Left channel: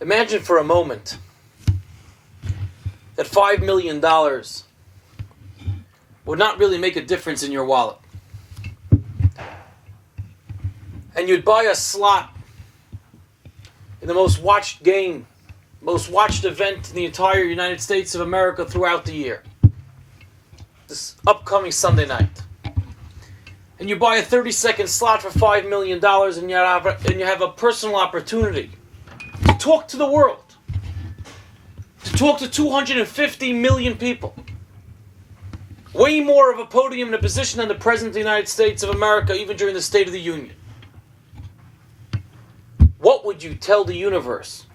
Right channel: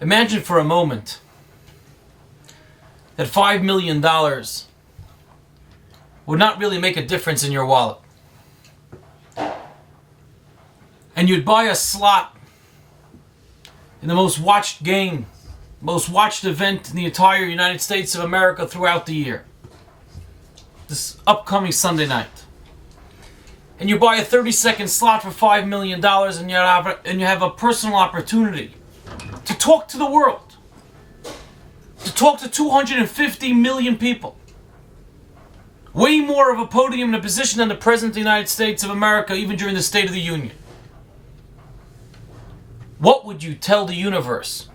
Imagine for a moment that $5 million would not really make a difference in your wallet. And you'd buy a slot in the most watched game, most watched event in the entire United States of America throughout the year. This upcoming Sunday night. And you buy a 30-second slot for $5 million and you have a personal opportunity to talk to the world. To talk to 250 million people. Way more of a podium and a position than the President of the United States of America, even during the State of the Union. What would you tell the universe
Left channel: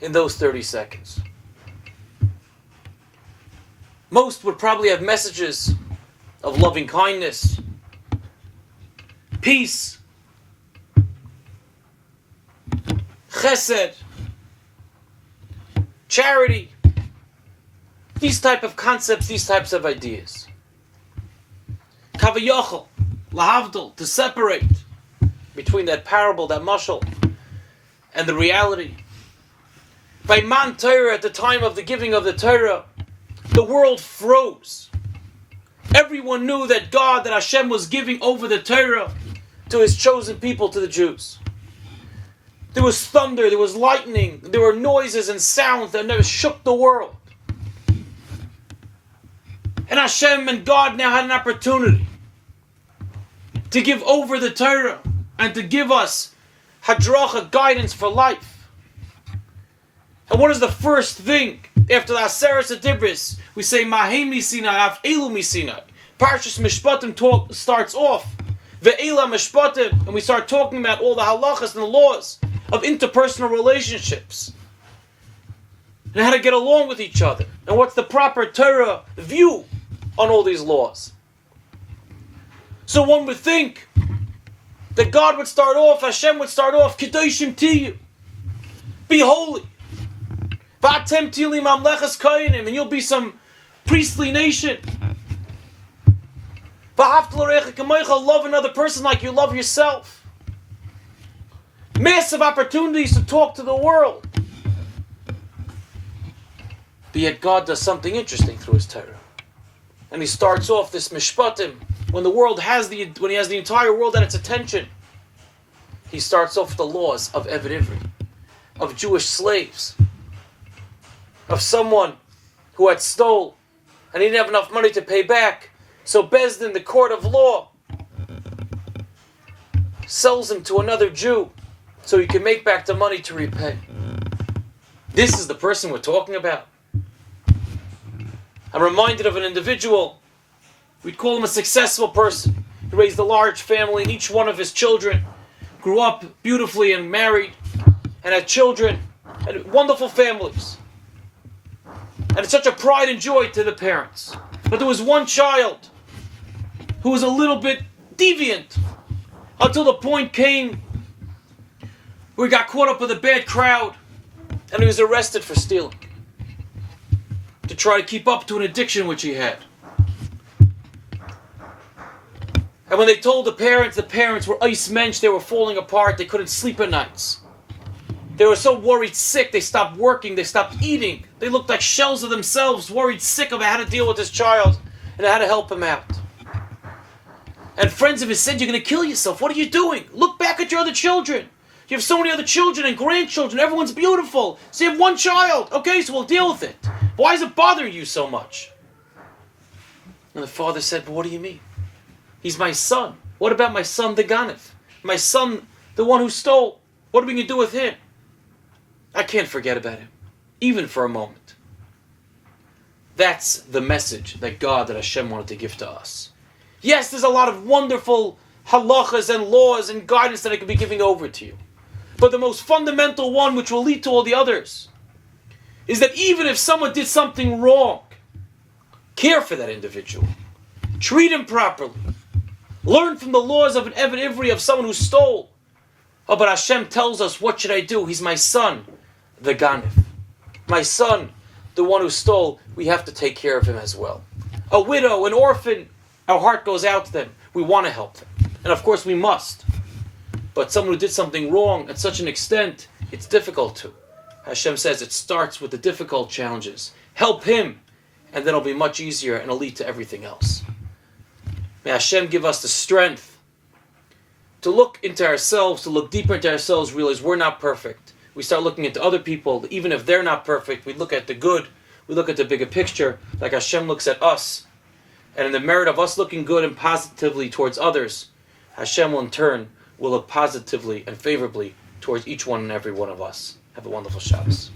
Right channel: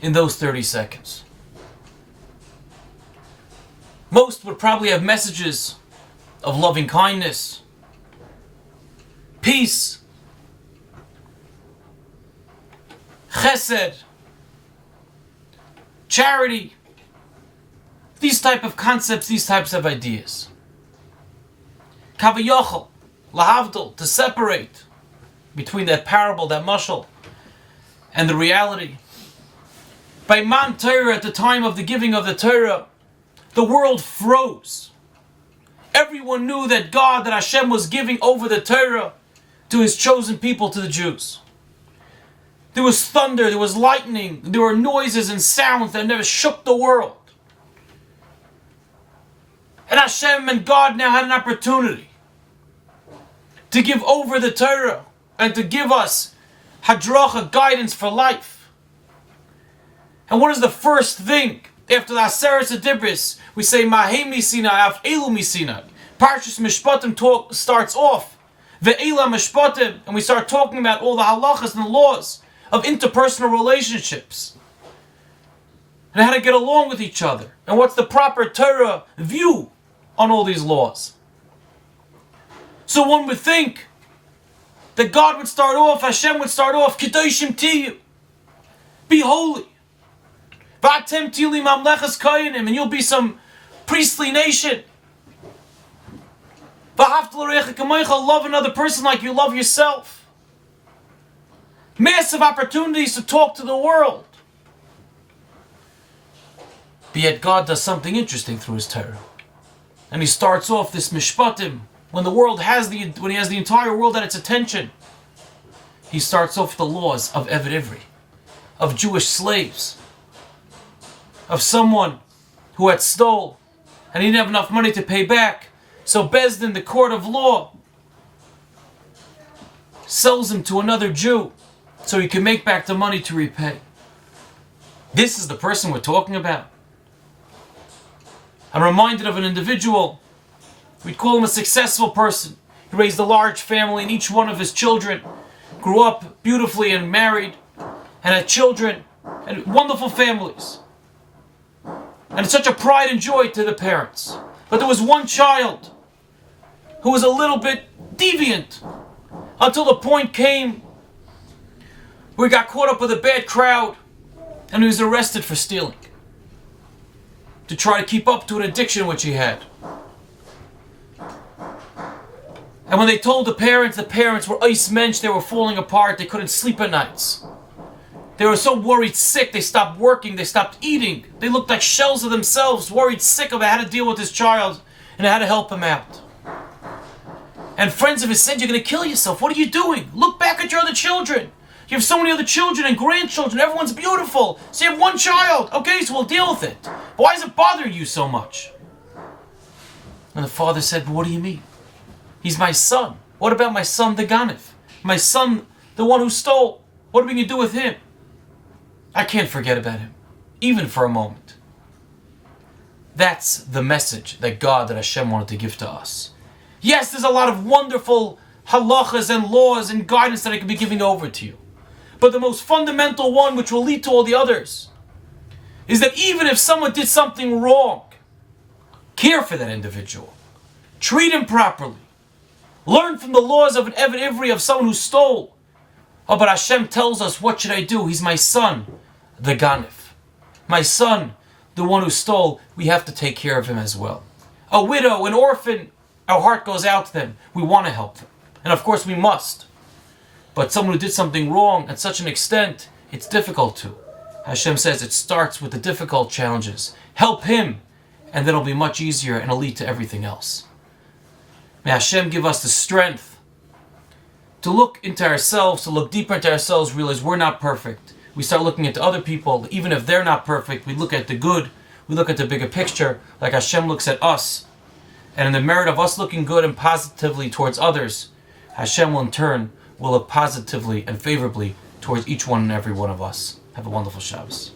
in those 30 seconds? Most would probably have messages of loving kindness, peace, chesed, charity, these type of concepts, these types of ideas. Kavayachal, lahavdil, to separate between that parable, that mashal, and the reality. By Man Torah, at the time of the giving of the Torah, the world froze. Everyone knew that God, that Hashem was giving over the Torah to His chosen people, to the Jews. There was thunder, there was lightning, there were noises and sounds that never shook the world. And Hashem and God now had an opportunity to give over the Torah and to give us hadracha, guidance for life. And what is the first thing after the Aseret Adibris? We say Mahim Misina Af Elu Misina. Parshat Mishpatim starts off Ve'ela Mishpatim, and we start talking about all the halachas and the laws of interpersonal relationships and how to get along with each other and what's the proper Torah view on all these laws. So one would think that God would start off, Hashem would start off, Kedoshim Tiyu, be holy. V'atem tili mamlechas koyanim, and you'll be some priestly nation. V'ahavta l'recha kamoicha, love another person like you love yourself. Massive opportunities to talk to the world. But yet God does something interesting through His Torah. And He starts off this Mishpatim, when He has the entire world at its attention. He starts off with the laws of Eved Ivri, of Jewish slaves, of someone who had stole and he didn't have enough money to pay back. So Beis Din, the court of law, sells him to another Jew so he can make back the money to repay. This is the person we're talking about. I'm reminded of an individual. We'd call him a successful person. He raised a large family, and each one of his children grew up beautifully and married and had children and wonderful families. And it's such a pride and joy to the parents. But there was one child who was a little bit deviant until the point came where he got caught up with a bad crowd and he was arrested for stealing to try to keep up to an addiction which he had. And when they told the parents were ice mensch, they were falling apart, they couldn't sleep at nights. They were so worried sick, they stopped working, they stopped eating. They looked like shells of themselves, worried sick about how to deal with this child and how to help him out. And friends of his said, "You're going to kill yourself. What are you doing? Look back at your other children. You have so many other children and grandchildren. Everyone's beautiful. So you have one child. Okay, so we'll deal with it. But why is it bothering you so much?" And the father said, "But what do you mean? He's my son. What about my son, the Ganef? My son, the one who stole. What are we going to do with him? I can't forget about him, even for a moment." That's the message that Hashem wanted to give to us. Yes, there's a lot of wonderful halachas and laws and guidance that I could be giving over to you. But the most fundamental one, which will lead to all the others, is that even if someone did something wrong, care for that individual. Treat him properly. Learn from the laws of an Eved Ivri, of someone who stole. Oh, but Hashem tells us, what should I do? He's my son, the Ganef. My son, the one who stole, we have to take care of him as well. A widow, an orphan, our heart goes out to them. We want to help them. And of course we must. But someone who did something wrong at such an extent, It's difficult to. Hashem says it starts with the difficult challenges. Help Him, and then it'll be much easier and it'll lead to everything else. May Hashem give us the strength to look into ourselves, to look deeper into ourselves, realize we're not perfect. We start looking into other people, even if they're not perfect, we look at the good, we look at the bigger picture, like Hashem looks at us. And in the merit of us looking good and positively towards others, Hashem will in turn will look positively and favorably towards each one and every one of us. Have a wonderful Shabbos.